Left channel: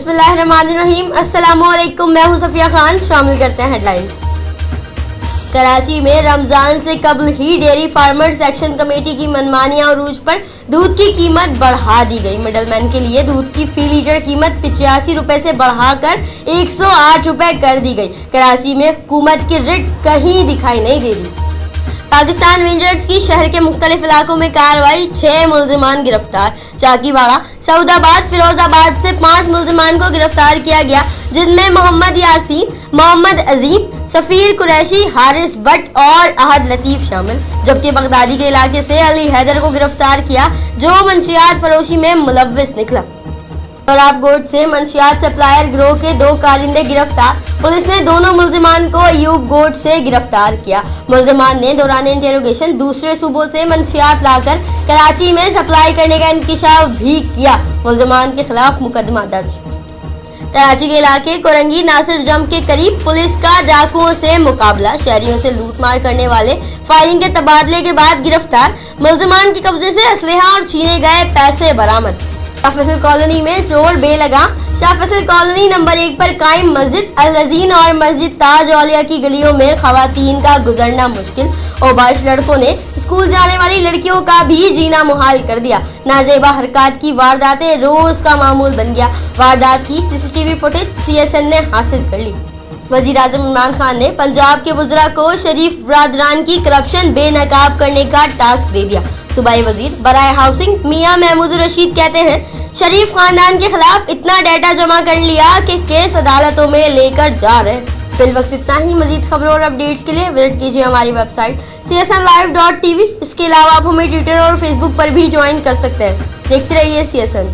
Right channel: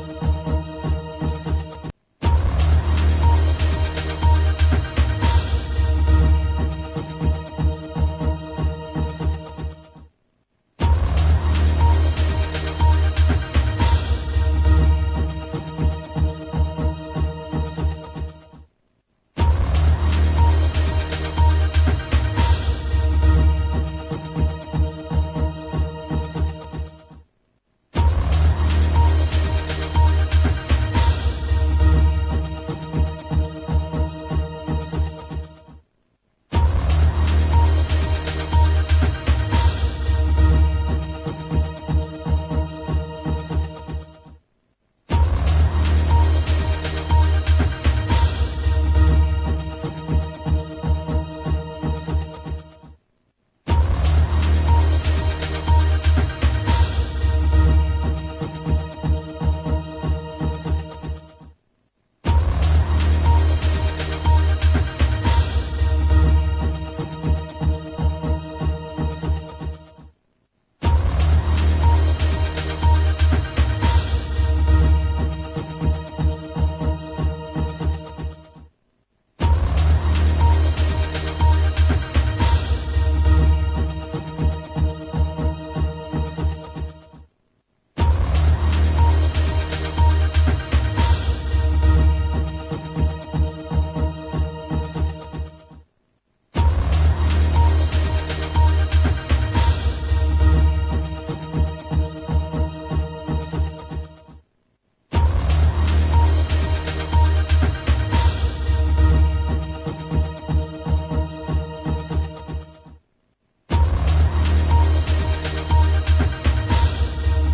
बिस्मिल्लाहिर्रहमानिर्रहीम। अस्सलामुअलैकुम, मैं हूं सफिया खान। शामिल करते हैं हेडलाइन। कराची में रमजान से कबल ही डेयरी फार्मर्स एक्शन कमेटी की मनमानी और अरूज पर दूध की कीमत बढ़ा दी गई। मिडलमैन के लिए दूध की फी लीटर कीमत 85 रुपए से बढ़ाकर 108 रुपए कर दी गई। कराची में हुकूमत की रिट कहीं दिखाई नहीं दे रही। पाकिस्तान रेंजर्स की शहर के मुख्तलिफ इलाकों में कार्रवाई, 6 मुल्जिमान गिरफ्तार। चाकीवाड़ा, सऊदाबाद, फिरोजाबाद से 5 मुल्जिमान को गिरफ्तार किया गया, जिनमें मोहम्मद यासीन, मोहम्मद अजीम, सफीर कुरैशी, हारिस भट्ट और अहद लतीफ शामिल। जबकि बगदादी के इलाके से अली हैदर को गिरफ्तार किया, जो मंशियात फरोशी में मुलव्विस निकला। प्रतापगढ़ से मंशियात सप्लायर गिरोह के 2 कारिंदे गिरफ्तार। पुलिस ने दोनों मुल्जिमान को अयूब गोट से गिरफ्तार किया। मुल्जिमान ने दौरान इंटेरोगेशन दूसरे सूबों से मंशियात लाकर कराची में सप्लाई करने का इंकशाफ भी किया। मुल्जिमान के खिलाफ मुकदमा दर्ज। कराची के इलाके कोरंगी नासिर जम के करीब पुलिस का डाकुओं से मुकाबला। शहरियों से लूटमार करने वाले फायरिंग के तबादले के बाद गिरफ्तार। मुल्जिमान के कब्जे से असलहा और छीने गए पैसे बरामद। शाह फैसल कॉलोनी में चोर बेलगा। शाह फैसल कॉलोनी नंबर 1 पर कायम मस्जिद अल रजीन और मस्जिद ताज औलिया की गलियों में खवातीन का गुजरना मुश्किल। ओबाश लड़कों ने स्कूल जाने वाली लड़कियों का भी जीना मुहाल कर दिया। नाजेबा हरकत की वारदातें रोज का मामूल बन गया। वारदात की सीसीटीवी फुटेज CSN ने हासिल कर ली। वजीर आजम इमरान खान ने पंजाब के वज़रा को शरीफ बरादरान की करप्शन बेनकाब करने का टास्क दे दिया। सूबाई वजीर बराए हाउसिंग मियां महमूद रशीद कहते हैं, शरीफ खानदान के खिलाफ इतना डाटा जमा कर लिया कि केस अदालतों में लेकर जा रहे हैं। फिल वक्त इतना ही। मजीद खबरों और अपडेट्स के लिए विजिट कीजिए हमारी वेबसाइट csnlive.tv। इसके अलावा आप हमें ट्विटर और फेसबुक पर भी ज्वाइन कर सकते हैं। देखते रहिए CSN।